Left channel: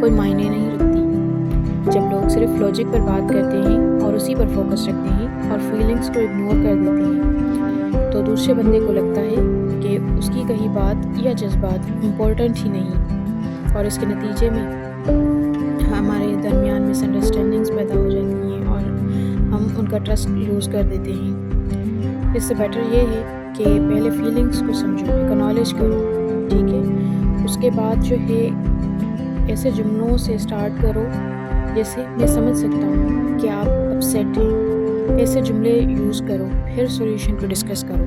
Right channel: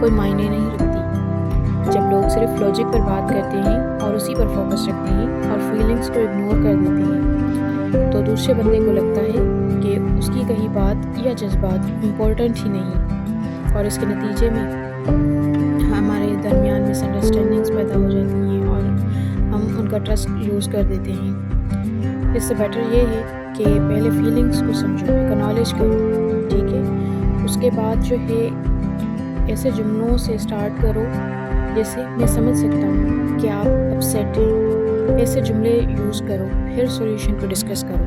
کوئی معنی نہیں رکھتی۔ جب لوگ صرف لاجک پر بات کرتے ہیں اور اسی پر فوکس رکھتے ہیں اور فیلنگز کو اگنور کر دیتے ہیں تو دوسرے بندے کو لگتا ہے کہ اس کی کہی بات یا جذبات امپورٹنٹ ہی نہیں، اور اس کے نتیجے میں ہمارے درمیان مس انڈرسٹینڈنگز پیدا ہو جاتی ہیں اور ہم ان کا ٹرسٹ لوز کر دیتے ہیں۔ اس سے بیٹر یہ ہے کہ پہلے فیلنگز کو سمجھو، اکنالج کرو، ٹھیک ہے؟ اس کے بعد جو ہے ایسے جملوں سے سٹارٹ کرو جیسے میں سمجھ سکتا ہوں کہ آپ اپسیٹ ہیں، ایسے جملے یوز کرو، پھر سولوشن کو ڈسکس کرو۔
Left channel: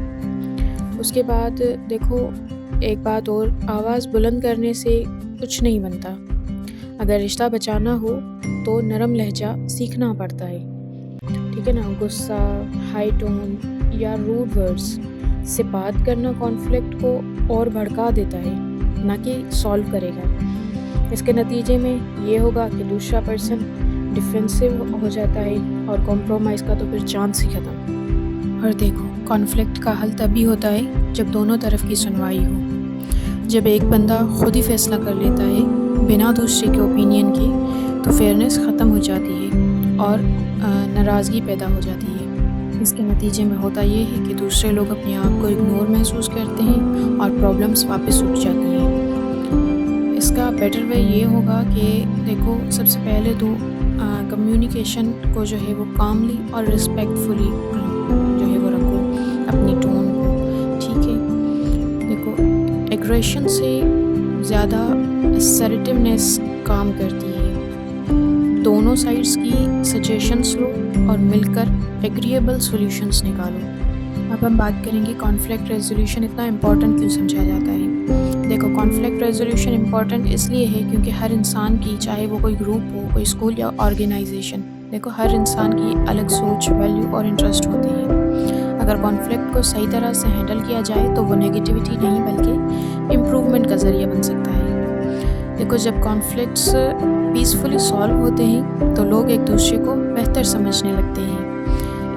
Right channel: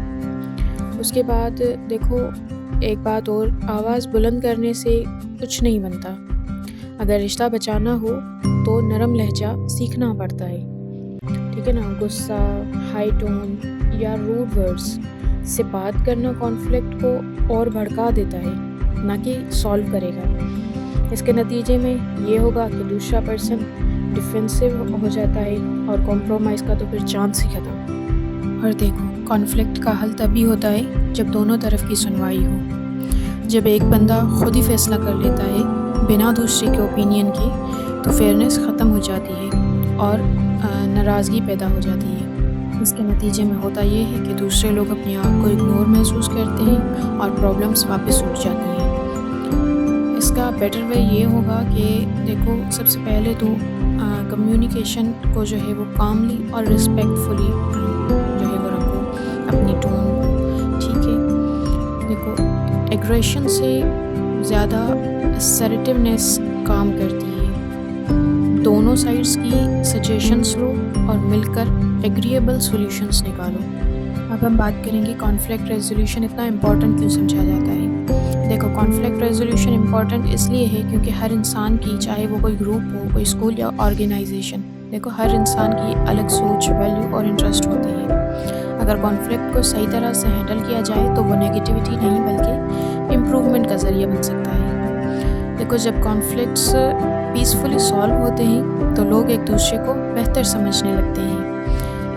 اس کے بعد دیکھو ایک بات اور، آواز بلند کرنے سے کچھ نہیں بنتا۔ اگر رشتہ بچانا ہو تو نرم لہجہ سیکھنا پڑتا ہے، ٹھیک ہے نا؟ غصہ، ہائی ٹون یا روڈ ورڈز سے بات کرنا کانفلکٹ کو اور بھڑکا دیتا ہے، نہ کہ سالو کرے گا۔ اس کے نتیجے میں یہ ہوگا کہ دوسرا پرسن ڈیفینسو ہو جاتا ہے اور کمپرومائز کا تو پھر چانس ہی ختم۔ اور دیکھو کانفلکٹ کا حل تبھی ہوتا ہے جب دونوں طرف کی سنوائی ہو۔ جب ایک بندہ خود ہی فیصلہ کر لیتا ہے بنا دوسرے کے اوپینین کے تو فیئرنس ختم ہو جاتی ہے اور ناراضگی پیدا ہو جاتی ہے۔ اس کے نتیجے میں ہوتا یہ ہے کہ دوسرے لوگ اپنے آپ کو اگنور محسوس کرتے ہیں اور پرابلمس واپس اٹھ جاتی ہیں۔ اس کا بیٹر وے یہ ہوگا کہ دیکھو سب سے پہلے تو کمیونیکیشن کو جو ہے وہ کاملی اور رسپیکٹفلی جو ہے وہ رکھو، اپنی ٹون کو، ٹھیک ہے؟ دیکھو ایگریشن سے زیادہ اسرٹیونیس کام کرتی ہے۔ دونوں سائڈس کی سجیشنز لو اور مل کر ایگریبل سولوشنز نکالو۔ اب ہم بات کریں گے کانفلکٹ ریزولوشن اتنا امپورٹنٹ کیوں سمجھا جاتا ہے۔ دیکھو کانفلکٹ ریزولوشن امپورٹنٹ اس لیے ہے کیونکہ ہر انسان کی، چاہے وہ کوئی گروپ ہو، کوئی اسکول یا آرگنائزیشن، دیکھو ہر انسان کی الگ سوچ، ویلیو اور انٹرسٹ ہوتے ہیں۔ اگر کانفلکٹ کو صحیح طرح سے ہینڈل کیا جائے تو وہ نیگیٹیوٹی نہیں بلکہ امپروومنٹ کا ذریعہ بن سکتا ہے۔ دیکھو جب کانفلکٹس پیسفلی سالو ہوتے ہیں تو لوگ ایک دوسرے کو بہتر سمجھنے لگتے ہیں۔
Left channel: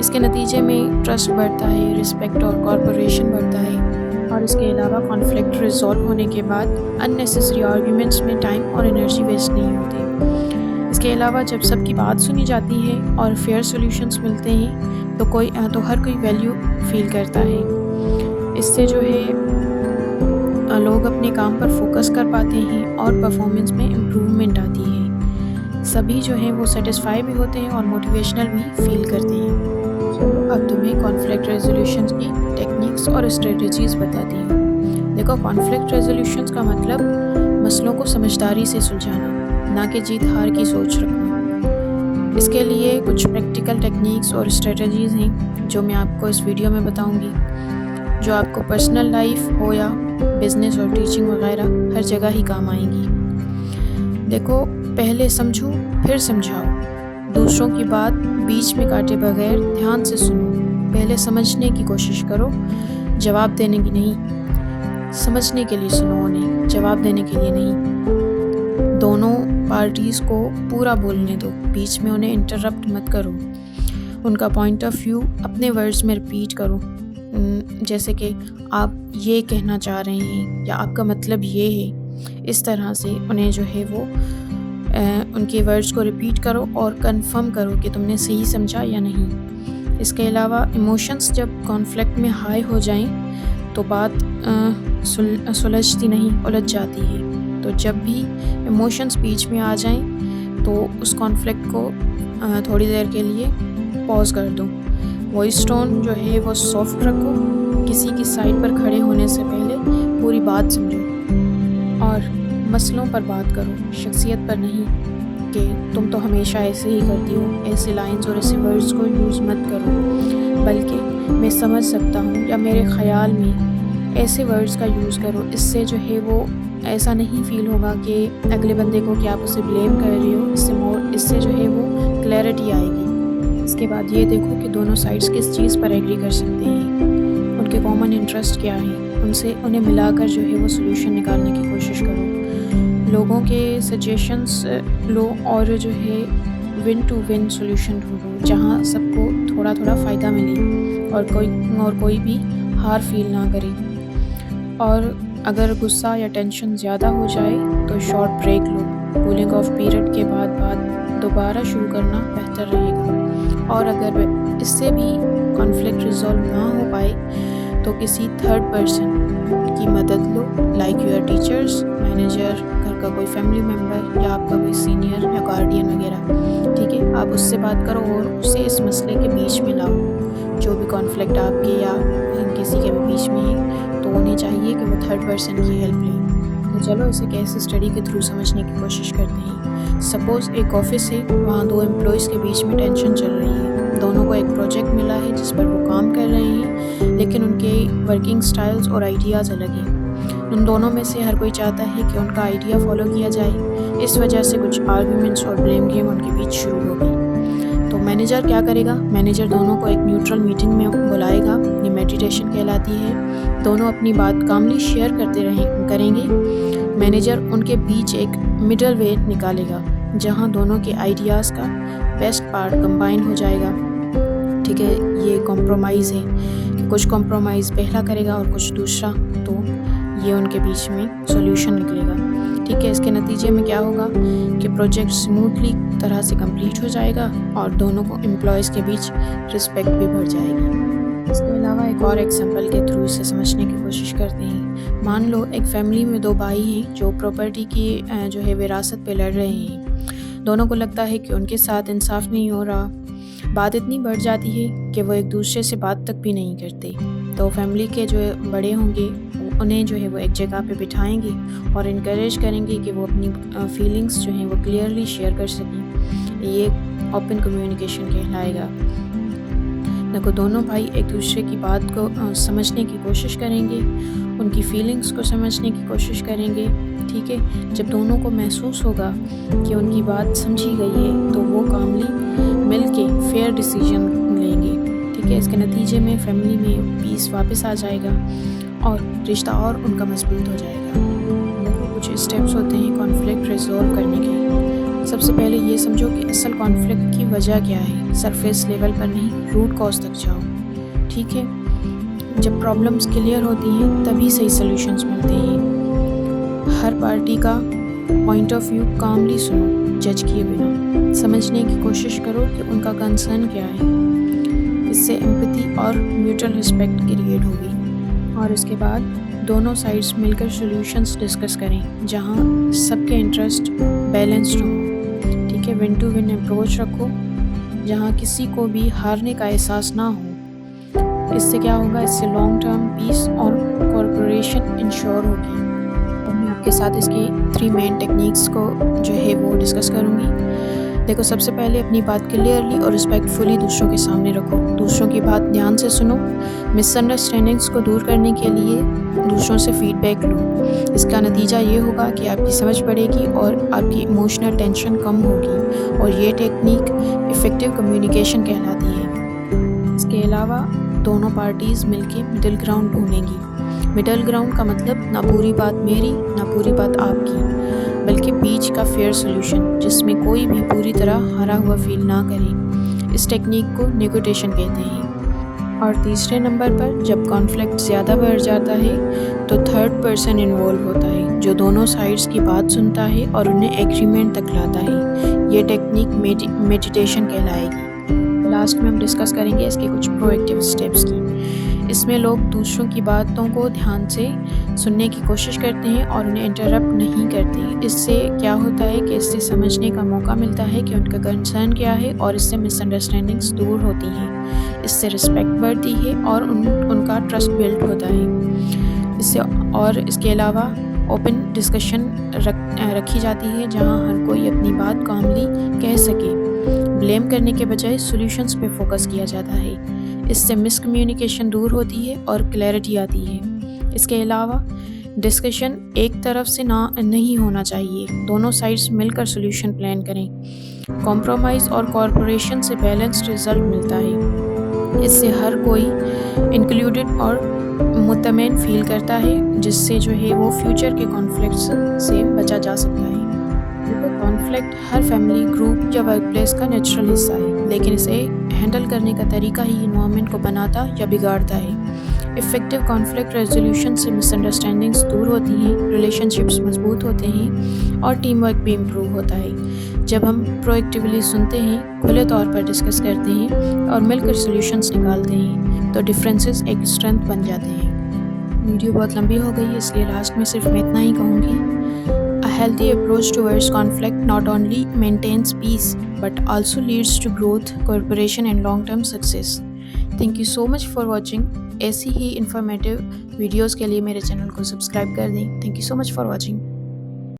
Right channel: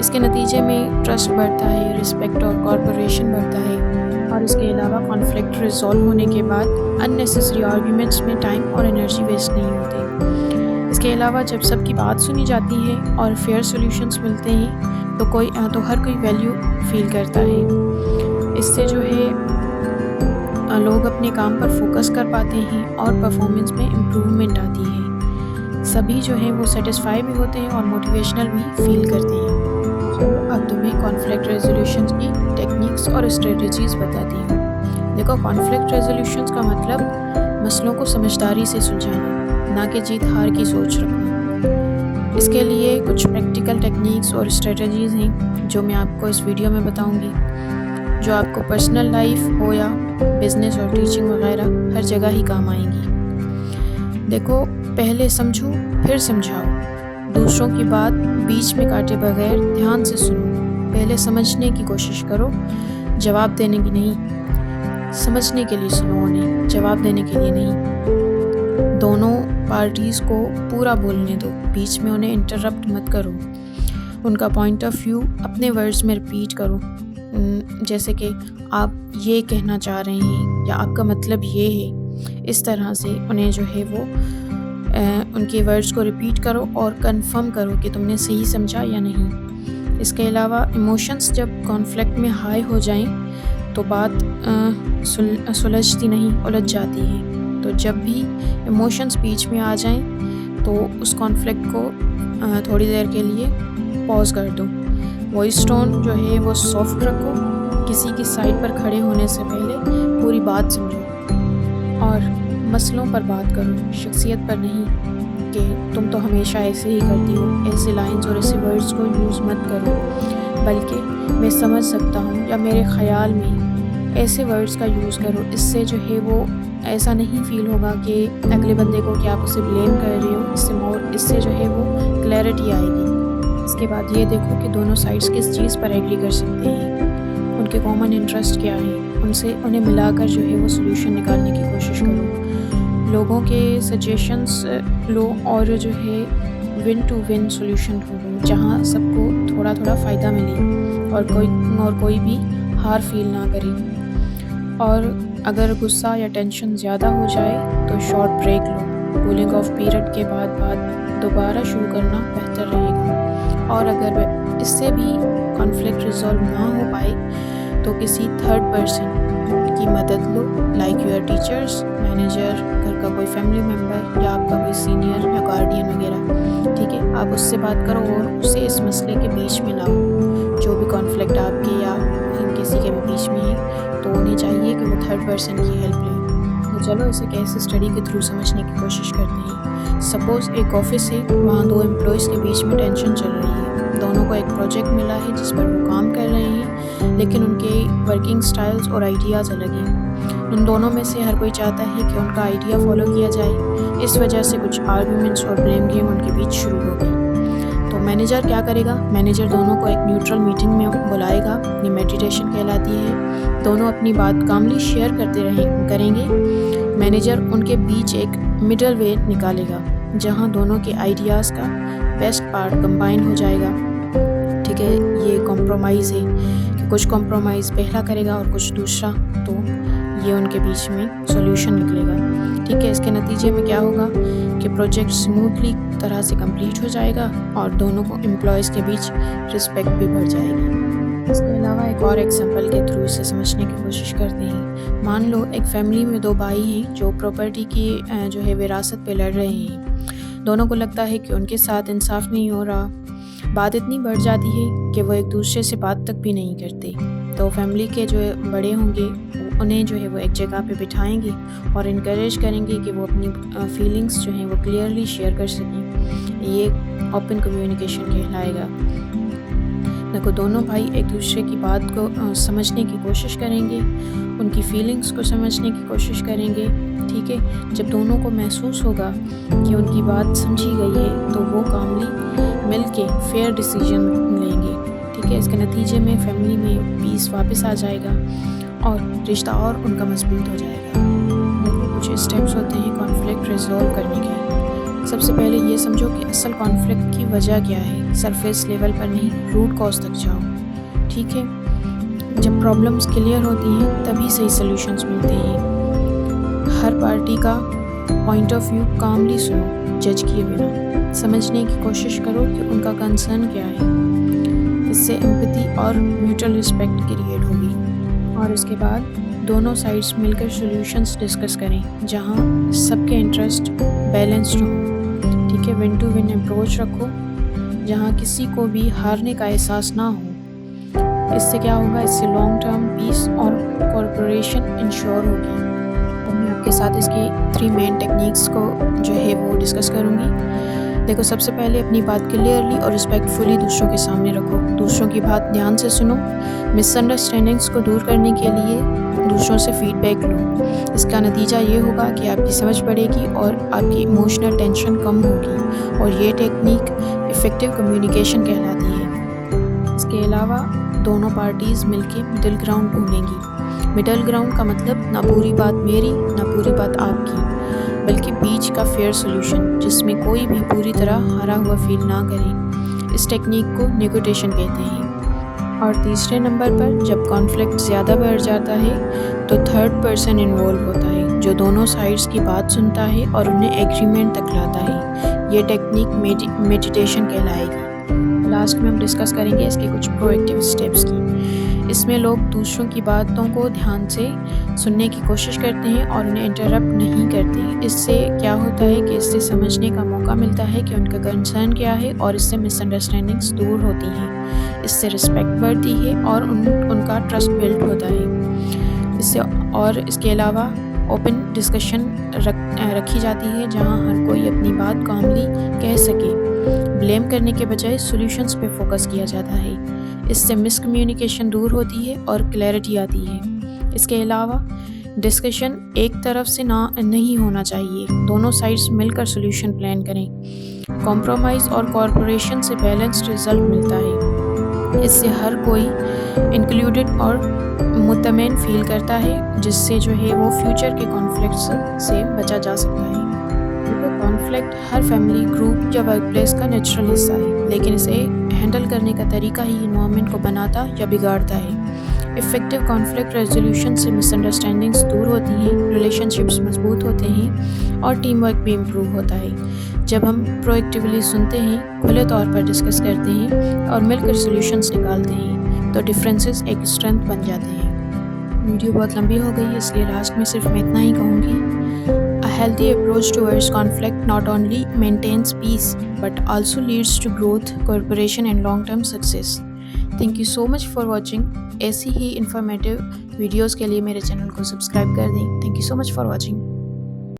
اس کے نتیجے میں ٹرسٹ بڑھتا ہے، رسپیکٹ اور کوآپریشن بڑھتا ہے، اور اس کے علاوہ کانفلکٹ ریزالو ہونے کے بعد اننیسیسری آرگیومنٹس میں ٹائم اور انرجی ویسٹ نہیں ہوتی۔ اس کے علاوہ جب سب کی بات سنی جاتی ہے اور فیئر سولوشنز ملتے ہیں تو ہر کوئی ویلیو فیل کرتا ہے۔ اس سے جو ہے لوگ اپنے کام پر فوکس کر پاتے ہیں اور پرفارمنس میں امپروومنٹ آتی ہے۔ سبھی جو ہیں وہ سیٹسفائی بھی ہوتے ہیں اور موٹیویشنل بھی فیل کرتے ہیں۔ چلو اب تمہیں کانفلکٹ ریزولوشنز کی ٹیکنیکس اور اسٹریٹجیز بتاتی ہوں۔ دیکھو کانفلکٹ ریزولوشنز کا مطلب مسئلوں کو سمجھداری سے سلجھانا، نہ کہ جیت ہار کی سوچ رکھنا۔ اس کے لیے کچھ پریکٹیکل ٹیکنیکس اور اسٹریٹجیز ہیں جو میں آپ کو اس ویڈیو میں بتاؤں گی، جو آپ کو پرسنل لائف ہو یا بزنس اور ٹیچنگ وغیرہ ہر جگہ ہی کام آئیں گی۔ دیکھو پہلے سمجھو پھر سمجھاؤ، دوسروں کی بات بیچ میں کاٹے بغیر دھیان سے سنو۔ پہلے سمجھنے کی کوشش کرو، جواب دینے کی نہیں۔ سمجھنے کے لیے سنو انہیں، جواب دینے کے لیے نہیں۔ دونوں پارٹیز کو پورا بولنے دو، بیچ میں انہیں انٹرپٹ مت کرو۔ ان کا پوائنٹ آف ویو اپنے ورڈز میں ریپیٹ کرو، جیسے کہ آپ یہ کہنا چاہ رہے ہیں یا آپ کا مطلب یہ ہے۔ اس طرح سے انہیں جو ہے وہ ان کے ورڈز کو ریپیٹ کرو اور کنفرم کرو کہ تم نے صحیح سمجھا یا نہیں۔ اس کے علاوہ ایموشنز جب کانفلکٹ میں ہائی ہو جائیں تو بات سلجھتی نہیں، الجھ جاتی ہے۔ تو جب بھی ایموشنز بیچ میں آ جائیں تو اس کانفلکٹ کو تھوڑی دیر کے لیے پاز کر دو۔ وائس ٹون جو ہے وہ سافٹ رکھو، کسی کی سائڈ پر کھڑے ہونے سے پہلے پوری بات سمجھو اور مسئلوں پر بات کرو، شخصیت پر نہیں کہ تم تو ہمیشہ ایسے ہی کرتی ہو۔ ایسے لائنز اور ایسے ورڈز کو یوز مت کرو، بلکہ میں سمجھ سکتا ہوں یا میرے خیال میں ایسے ورڈز کا یوز کرو۔ اس سے جو ہے وہ ایسا نہیں فیل ہوگا کہ اگلے بندے کو کہ آپ اسے بلیم کر رہے ہو، اس سے جو ہے وہ کلیئرٹی آئے گی۔ اس کے بعد یہ دیکھو کہ دونوں سائڈس کس چیز پر ایگری کر سکتے ہیں، ان کے کامن انٹرسٹ کیا ہیں، انہیں ملا کر جو ہے وہ سولوشن نکالنے کی کوشش کرو۔ لوگوں کے سجیشنز لو اور جو ہے ون ٹو ون سولوشن ڈھونڈو، جہاں سب کو تھوڑا تھوڑا فائدہ ملے اور کوئی بھی ہار فیل نہ کرے۔ اور اگر غصہ یا ٹینشن زیادہ ہو جائے تو شارٹ بریک لو. کولنگ آف پیریڈ کے بعد بات دوبارہ شروع کرنا بہتر رہے گا. اور اگر اس سے بھی کانفلکٹ ریزالو نہ ہو پائے تو کسی تھرڈ پرسن کی مدد لو، لائک یور ٹیچرس، مینیجر، گھر کا کوئی فیملی ممبر یا آپ کا کوئی سینئر یا گارڈین وغیرہ. ٹھیک ہے، آپ اس سے بات کرو اور اسے اس مسئلے کے بیچ میں لاؤ. جو بھی کانفلکٹ آپ کے یا کسی کے بھی بیچ میں ہے تو انہیں چاہیے کہ وہ تھرڈ پرسن کی ہیلپ لیں. تو چلو اسے کیس اسٹڈی کے تھرو سمجھنے کی کوشش کرتے ہیں. سپوز ایک آفس ہے، وہاں 2 امپلائیز کے بیچ میں ٹینشن چل رہی ہے. دونوں کو ایک پروجیکٹ ملا ہے جس پر وہ کام کر رہے ہیں، لیکن ان کے ورکنگ سٹائلز اور آئیڈیاز الگ ہیں. ان دونوں میں سے ہر کوئی چاہتا ہے کہ ان کا آئیڈیا فالو کیا جائے. اس وجہ سے کچھ آرگیومنٹس اور بلیم گیم ان کے بیچ شروع ہو گئی. تو مینیجر کیا کرے گا؟ مینیجر دونوں کو ایک نیوٹرل میٹنگ میں بلائے گا. یہ میڈیٹیشن کہلاتی ہے. دونوں اپنی بات کاملی شیئر کریں گے. مینیجر ان کے بیچ ایک مڈل وے نکالے گا جہاں دونوں کے آئیڈیاز کا بیسٹ پارٹ کمبائن ہو جائے گا. ٹھیک ہے، یہ کمپرومائز ہے کہ کچھ کمپرومائز پہلا کرے گا اور کچھ دوسرا. تو یہ ان کے بیچ میں سولوشن نکلے گا. ٹھیک ہے، اس کے نتیجے میں کیا ہوگا کہ پروجیکٹ سموتھلی طرح سے کمپلیٹ ہو جائے گا اور دونوں کو امپلائیز کے بیچ رسپیکٹ بھی بڑھ جائے گی. اس کے علاوہ ایک اور ایگزامپل کے تھرو اسے سمجھنے کی کوشش کرتے ہیں. مان لو ایک فیملی میں 2 بھائی ہیں جو پراپرٹی کی جو ہے وراثت پہ لڑ رہے ہیں. دونوں کو لگتا ہے کہ ان کے ساتھ انصاف نہیں ہو رہا. بات اتنی بڑھ جاتی ہے کہ وہ ایک دوسرے سے بات تک بھی نہیں کرتے. تو فیملی کے جو بڑے ہوں گے انہیں جو ہے وہ ایک جگہ پہ بٹھائیں گے اور انکریج کریں گے کہ وہ اپنی فیلنگس جو ہیں وہ کلیئرلی شیئر کر سکیں. یہ اوپن کمیونیکیشن کہلائے گا. دیکھو، دونوں بھائی ایک دوسرے کی بات کو سمجھنے کی کوشش کریں گے، ان کی فیلنگس کو سمجھنے کی کوشش کریں گے. ٹھیک ہے، جب دونوں کو محسوس ہوگا کہ ان کی بات سمجھی گئی ہے تو وہ کاملی مل کے فیئر ڈیسیجن لیں گے. ٹھیک ہے، اس کے نتیجے میں فیملی میں پیس واپس آ جائے گا اور رشتہ اور ان کا مضبوط ہو جائے گا. دیکھو، کچھ اسٹیپس ہوتے ہیں کانفلکٹ ریزالو کرنے کے. سب سے پہلے یہ سمجھو کہ اصل کانفلکٹ کی وجہ کیا ہے. سرفیس لیول پر نہیں، روٹ کاز تک جاؤ. ٹھیک ہے، جب پرابلمس کلیئر ہوتی ہیں تبھی صحیح سلیوشنز ملتے ہیں. ہر پارٹی کا پوائنٹ آف ویو کاملی سنو، جج کیے بنا. سمجھنے کی کوشش کرو کہ ان کا کنسرن کیا ہے. اس سے ایمپتھی اور میوچل رسپیکٹ کریٹ ہوگی. اور اس کے بعد دونوں سائڈز مل کر سلیوشنز ڈسکس کریں جہاں سب کے انٹرسٹ بیلنسڈ ہوں. ٹھیک ہے، ون ٹو ون اپروچ رکھو جہاں کسی کو بھی ہارنے کا احساس نہ ہو. اس سے کیا ہوگا؟ اس سے لانگ ٹرم پیس اور کوآپریشن انشور ہوگی. اور میں آپ کے ساتھ اس کی 3 مین ٹیکنیکس کو جو ہے وہ ڈسکس کروں گی. دیکھو، سب سے پہلے اپنی بات کلیئرلی اور رسپیکٹفلی دوسروں کے سامنے رکھو. دوسروں کی بات دھیان سے سنو. مس انڈرسٹینڈنگس کو دور کرنے کے لیے دوسروں سے فیڈ بیک لو. اس کا نتیجہ یہ ہوگا کہ آپ کی سمجھ بڑھے گی اور آپ کی ایموشنل ٹینشن کم ہوگی. اور یہ ٹیکنیک افیکٹو کمیونیکیشن کہلاتی ہے. اس کے علاوہ دونوں پارٹیز مل کے مڈل گراؤنڈ ڈھونڈیں گی. مڈل گراؤنڈ کا مطلب نہ پوری بات میری نہ پوری بات آپ کی، بلکہ بیچ کا فیئر سولوشن جس میں کوئی بھی پوری طرح ہارا ہوا فیل نہ کرے. اس ٹیکنیک کو نیگوٹیشن کہتے ہیں. اور تیسرے نمبر پر جب کانفلکٹ زیادہ بڑھ جاتا ہے تو تھرڈ پرسن انوالو ہوتا ہے جو دونوں سائڈز کی بات سنتا ہے اور انہیں ایگریمنٹ تک لاتا ہے. یہ ٹیکنیک میڈیٹیشن کہلائے گی. لاسٹ میں ہم ڈسکس کریں گے اس کے کچھ پرو ایکٹیو اسٹیپس کی. اس میں لوگ دوسروں کی باتوں کو دھیان سے سننے کی کوشش کرتے ہیں اور انہیں انٹرپٹ نہیں کرتے. اس سے کیا ہوتا ہے کہ اس سے سمجھنے کا موقع ملتا ہے کہ ان کا کنسرن کیا ہے اور اس سے مس انڈرسٹینڈنگس دور ہوتی ہیں. اس سے رسپیکٹ بڑھتی ہے اور ان کا ٹرسٹ بلڈ ہوتا ہے. اس کے علاوہ اوپن ڈسکشن رکھی جاتی ہے جہاں ہر کوئی اپنی بات کاملی کہہ سکے. بلیم کرنے کے بجائے سولوشنز پہ فوکس کیا جاتا ہے. اس سے مس کمیونیکیشن دور ہوتی ہے اور کلیئرٹی آتی ہے. اس کے علاوہ ڈسکشن ایک طرف سے نہیں ہونا چاہیے. دونوں سائڈز مل کر سولوشن پلان کریں. کمپرومائز اور کوآپریشن سے بیلنسڈ رزلٹ ملتا ہے. اس سے ہر کوئی انکلوڈڈ اور مطمئن فیل کرتا ہے جس سے جو ہے وہ فیوچر کے کانفلکٹس سے بچا جا سکتا ہے. کانفلکٹ ہر فیملی، گروپ یا ورک پلیس کا نیچرل حصہ ہے، لیکن اسے ہینڈل کرنے کا طریقہ ہی انوائرمنٹ کو بناتا یا بگاڑتا ہے. افیکٹو کانفلکٹ ریزولوشن سے مس انڈرسٹینڈنگس دور ہوتی ہیں، ریلیشن شپس مضبوط ہوتے ہیں اور ٹیم ورک بھی امپروو ہوتا ہے۔ جب ہم پرو ایکٹیولی سنتے ہیں، کھلے طور پر ڈسکس کرتے ہیں اور مل کر سلیوشنس نکالتے ہیں تو ڈفرینسز ایک اسٹرینتھ بن جاتے ہیں۔ ویڈیو بہت لمبی ہو گئی ہے، اس لیے لاسٹ میں صرف میں اتنا ہی کہوں گی۔ A healthy approach towards conflict not only maintains peace but also leads to growth, cooperation and long-term success. Thank you so much for watching. ایسی ہی انفارمیٹیو ویڈیوز کے لیے میرے چینل کو سبسکرائب کر دیں۔ Thank you so much for watching.